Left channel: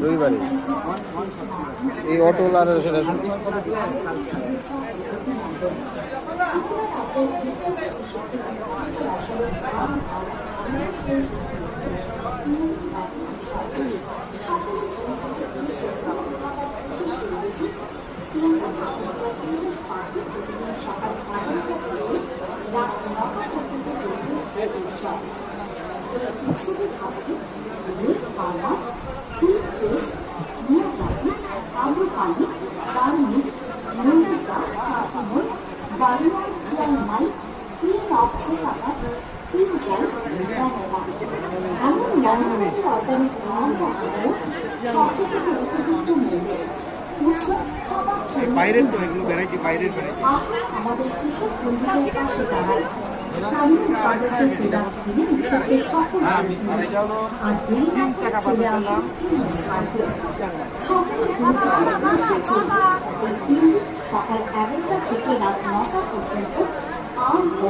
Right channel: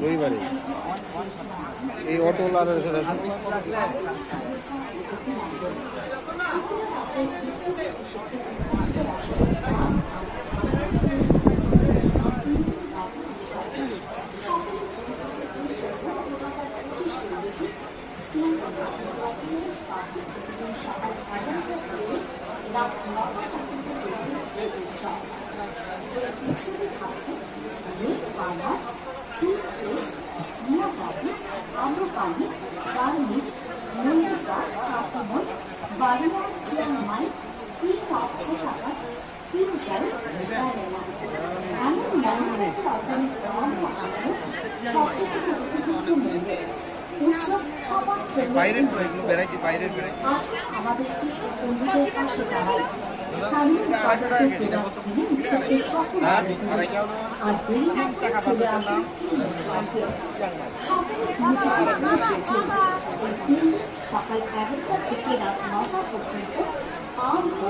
রবিবারে এই অটোলার সেটা উৎসবে থাকছে পানা চিপ ফিস্ট মিয়াজাকি আলু পানি বার্মিজ মন্দিকা কাঁচামল বারুয়ান চিয়াংমাই কুইন অফ চেকাটা পিউজাল ভ্যানিলা এমন লংটাইমের অর্গানিক ব্রাউন বানানো সঠিক উপযুক্ত মূল্যে উৎসব সবার জন্য আমাদের কৃষক বন্ধুদের পাশে দাঁড়ায় স্থানীয় উৎপাদকদের প্রোডাক্ট কিনে উৎসবকে সফল আর দেরি না করে চলে আসুন ফিটনেস মার্কেট সকাল 9 থেকে 20 জুন এই 3 দিন সকাল 11টা থেকে রাত 9টা পর্যন্ত আম ও